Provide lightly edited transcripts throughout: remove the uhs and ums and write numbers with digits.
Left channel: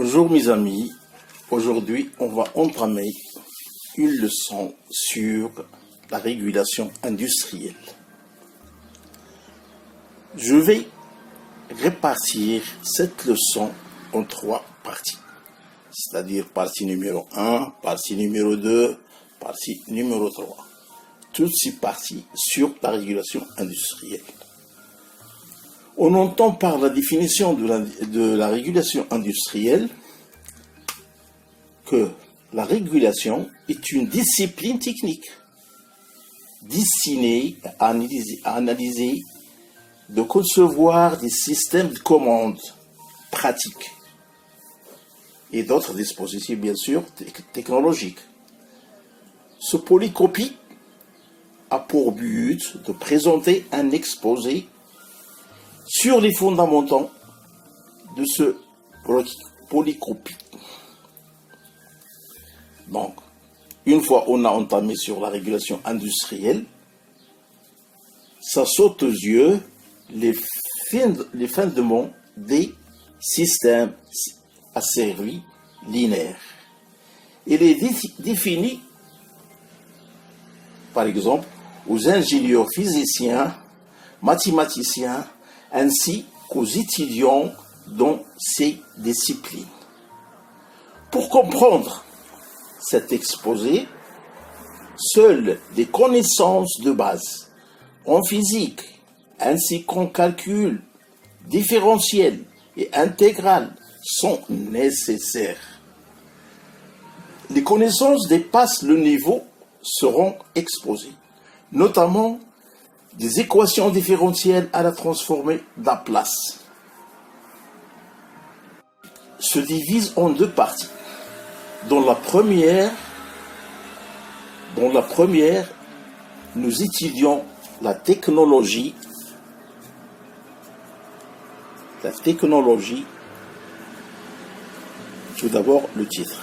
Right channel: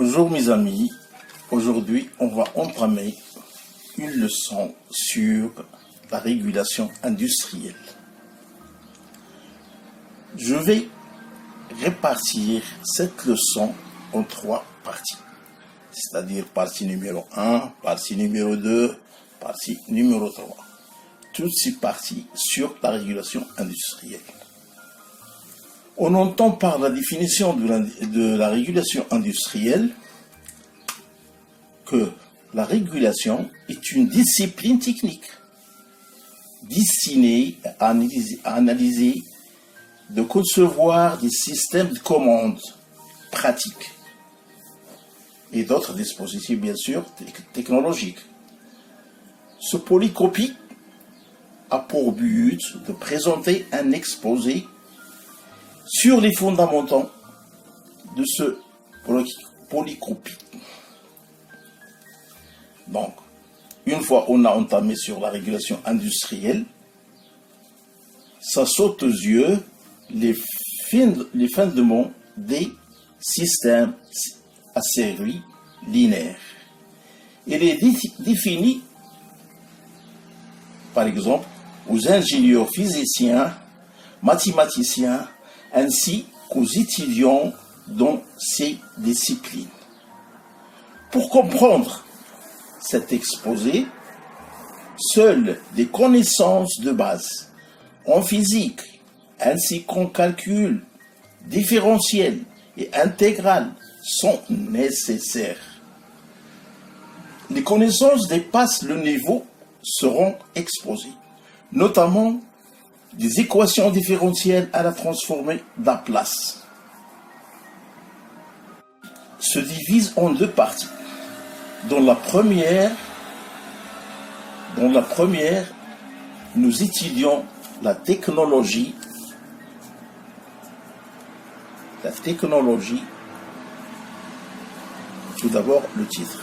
Bonjour mes amis, aujourd'hui on va entamer une leçon sur la régulation industrielle. Je vais répartir cette leçon en 3 parties, c'est-à-dire partie numéro 1, partie numéro 2, partie numéro 3. Toutes ces parties sur la régulation industrielle. On entend par la définition de la régulation industrielle que la régulation est une discipline technique destinée à analyser, de concevoir des systèmes de commande pratiques et d'autres dispositifs, bien sûr, technologiques. Ce polycopie a pour but de présenter un exposé sur les fondamentaux de ce polycopie. Donc, une fois on a entamé sur la régulation industrielle, ça saute aux yeux les fondements des systèmes asservis linéaires. Il est défini, par exemple, aux ingénieurs physiciens, mathématiciens, ainsi qu'aux étudiants dans ces disciplines. Pour comprendre cet exposé, seules des connaissances de base en physique, ainsi qu'en calcul différentiel et intégral sont nécessaires. Les connaissances dépassent le niveau seront exposées, notamment des équations différentielles à la transformée Laplace. Se divise en 2 parties. Dans la première, nous étudions la technologie, tout d'abord le titre.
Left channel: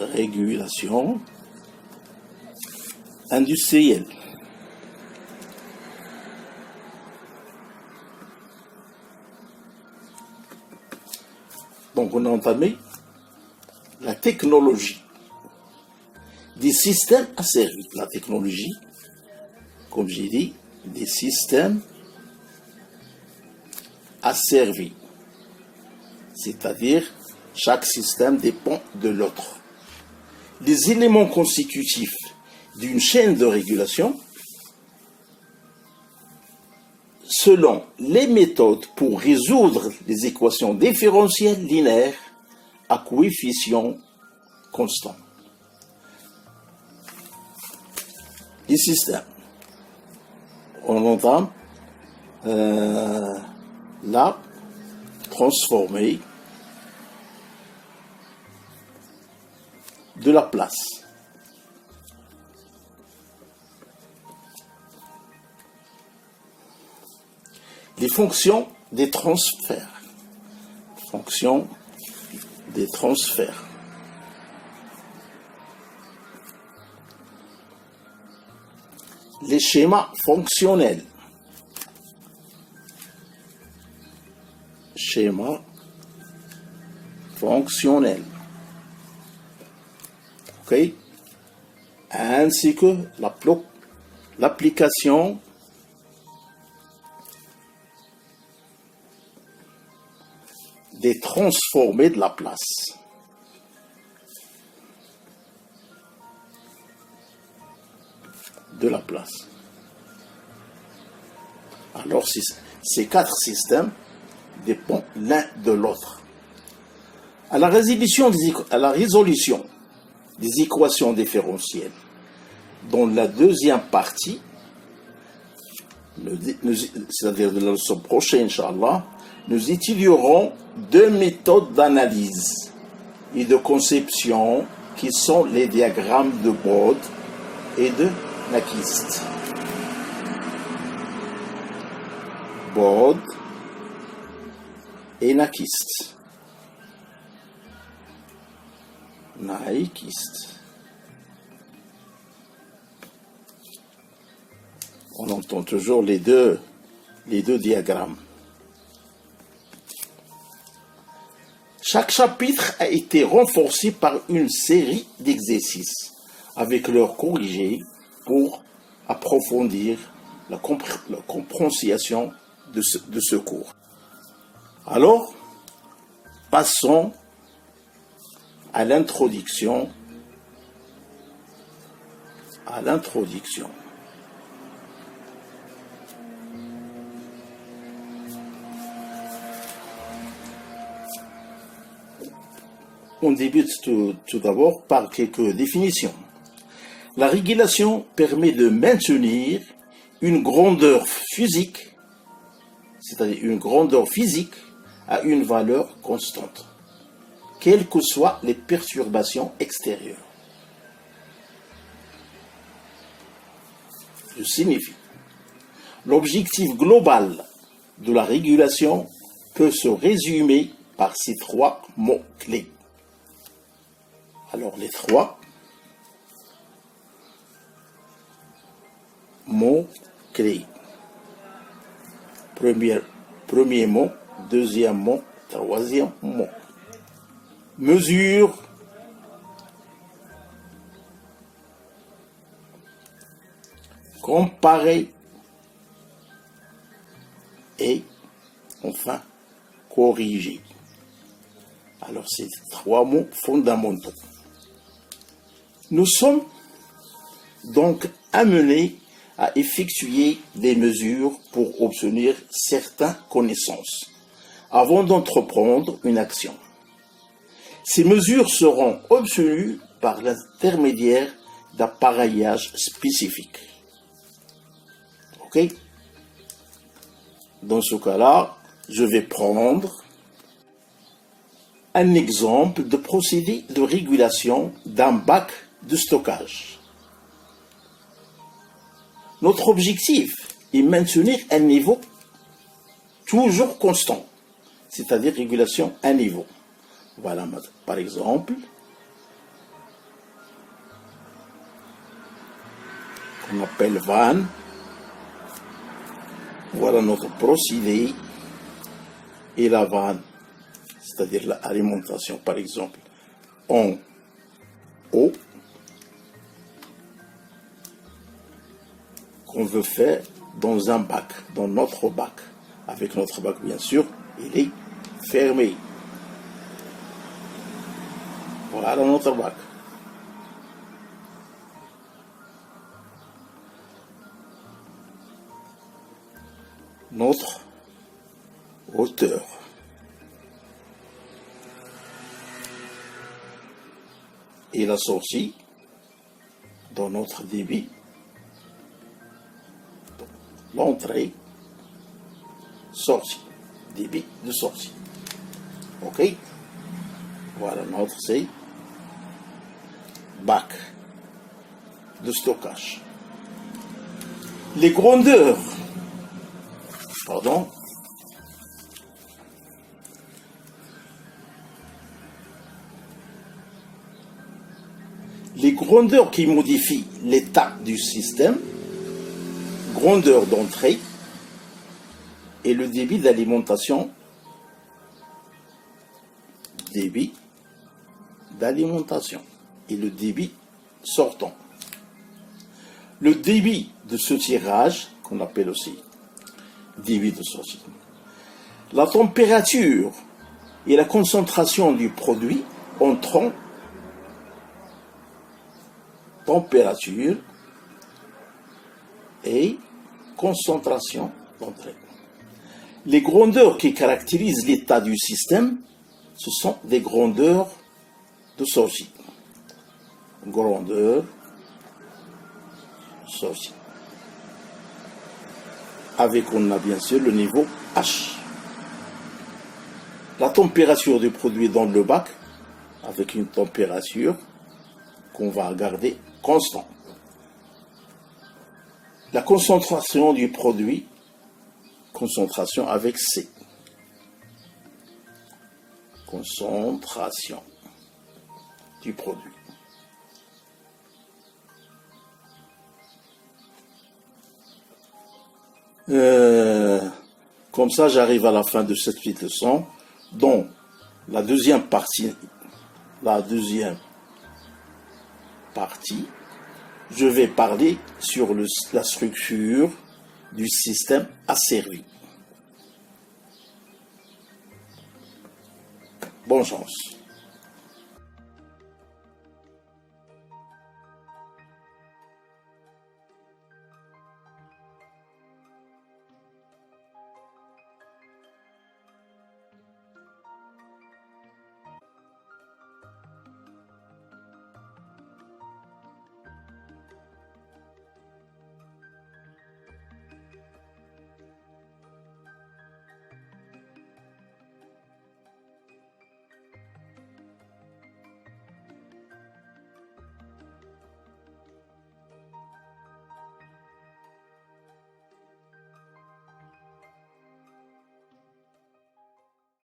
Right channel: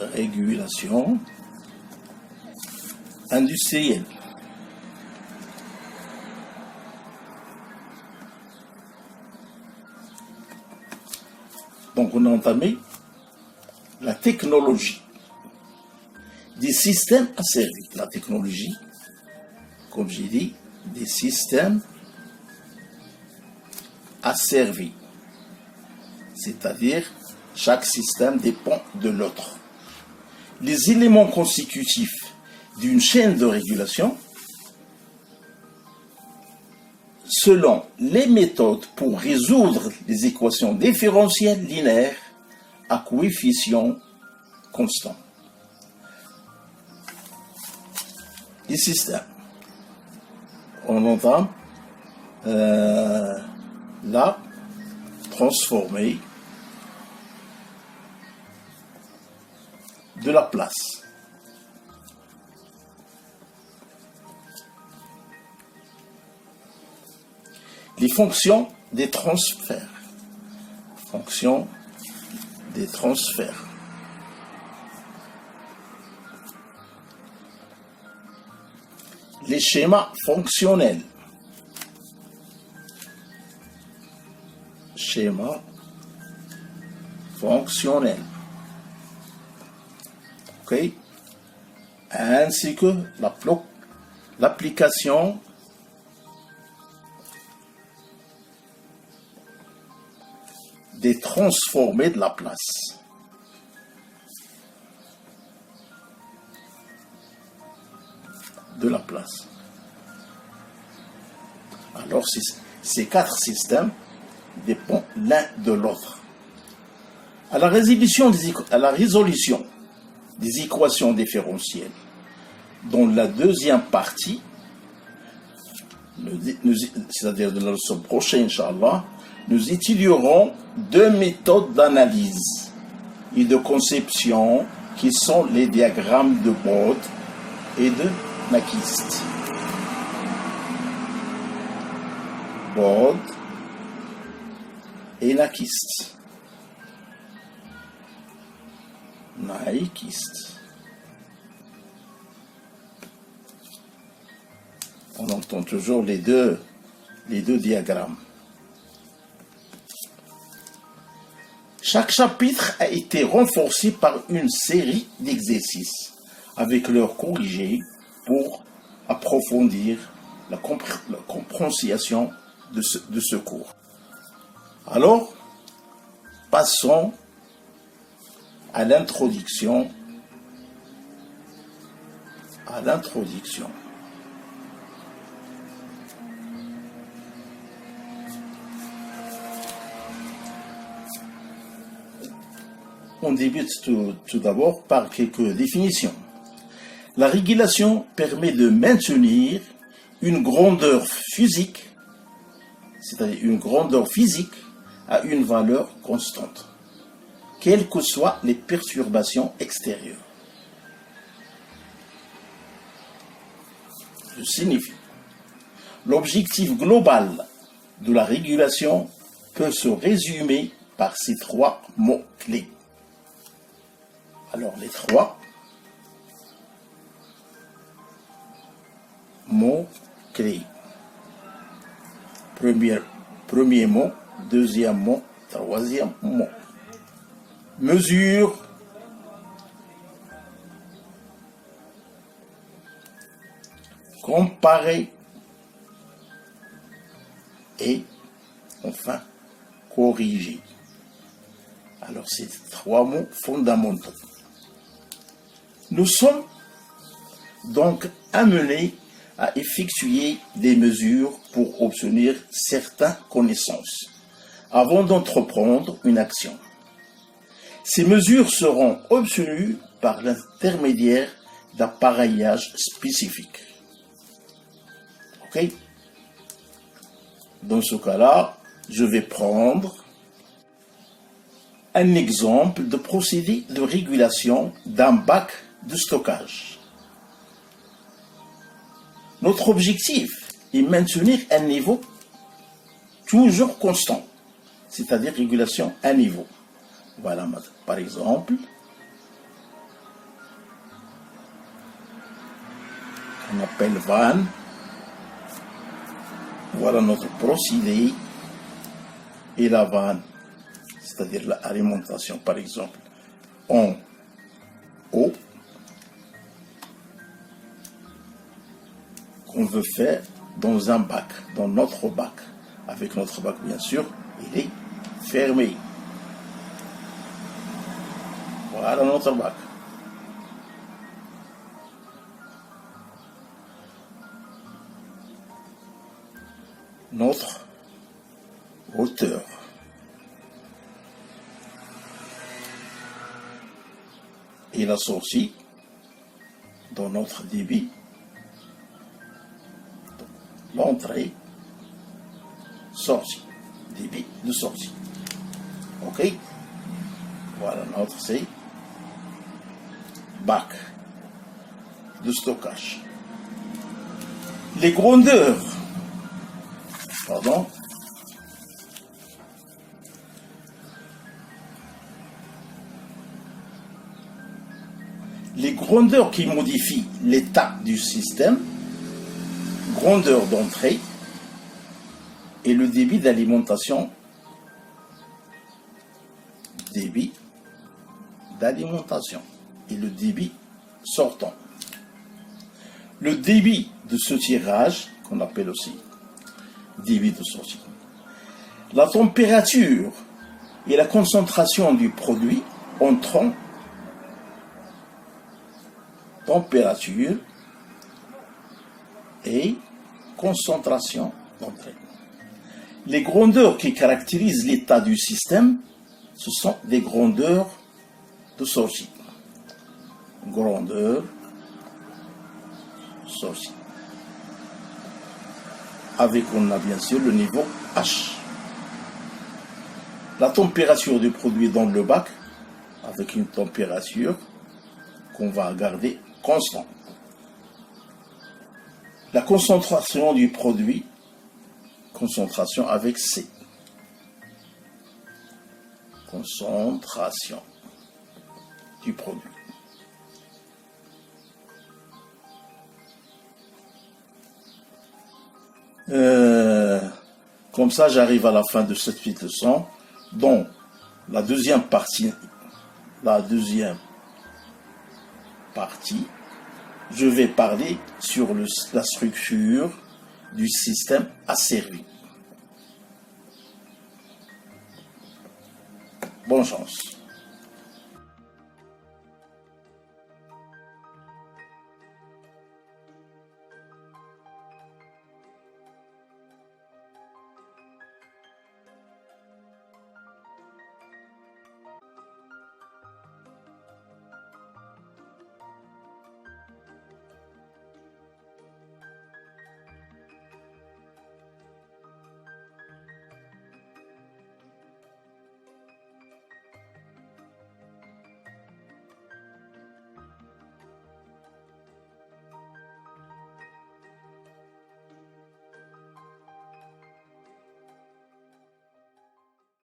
Régulation industrielle. Donc on a entamé la technologie des systèmes asservis. La technologie, comme j'ai dit, des systèmes asservis. C'est-à-dire, chaque système dépend de l'autre. Les éléments constitutifs d'une chaîne de régulation, selon les méthodes pour résoudre les équations différentielles linéaires à coefficients constants. Les systèmes. On entame la transformée de Laplace. Les fonctions des transferts. Fonctions des transferts. Les schémas fonctionnels. Schéma fonctionnel. OK? Ainsi que l'application des transformés de Laplace. Alors, ces 4 systèmes dépendent l'un de l'autre. À la résolution des équations différentielles, dans la deuxième partie, c'est-à-dire de la leçon prochaine, Inch'Allah, nous étudierons 2 méthodes d'analyse et de conception qui sont les diagrammes de Bode et de Nyquist. Bode et Nyquist. On entend toujours les deux diagrammes. Chaque chapitre a été renforcé par une série d'exercices avec leurs corrigés pour approfondir la compréhension de ce cours. Alors, passons à l'introduction. On débute tout d'abord par quelques définitions. La régulation permet de maintenir une grandeur physique, c'est-à-dire une grandeur physique à une valeur constante, quelles que soient les perturbations extérieures. Ce signifie, l'objectif global de la régulation peut se résumer par ces trois mots-clés. Alors, les trois mots-clés. Premier mot, deuxième mot, troisième mot. Mesure, comparer et enfin corriger. Alors, c'est trois mots fondamentaux. Nous sommes donc amenés à effectuer des mesures pour obtenir certaines connaissances avant d'entreprendre une action. Ces mesures seront obtenues par l'intermédiaire d'appareillages spécifiques. OK? Dans ce cas-là, je vais prendre un exemple de procédé de régulation d'un bac de stockage. Notre objectif est maintenir un niveau toujours constant, c'est-à-dire régulation à niveau. Voilà, par exemple, qu'on appelle vanne. Voilà notre procédé et la vanne, c'est-à-dire l'alimentation, par exemple, en eau, qu'on veut faire dans un bac, dans notre bac. Avec notre bac, bien sûr, il est fermé. Voilà notre bac. Notre hauteur. Et la sortie dans notre débit. L'entrée, sortie, débit de sortie. OK? Voilà notre c'est bac de stockage. Les grandeurs, pardon, les grandeurs qui modifient l'état du système, grandeur d'entrée et le débit d'alimentation, débit d'alimentation et le débit sortant. Le débit de ce tirage, qu'on appelle aussi débit de sortie. La température et la concentration du produit entrant, température et concentration d'entrée. Les grandeurs qui caractérisent l'état du système, ce sont des grandeurs de sortie. Grandeur, sortie. Avec, on a bien sûr le niveau H. La température du produit dans le bac, avec une température qu'on va garder constante. La concentration du produit, concentration avec C. Concentration du produit. Comme ça, j'arrive à la fin de cette petite leçon. Donc, La deuxième partie, je vais parler sur la structure du système asservi. Bonne chance.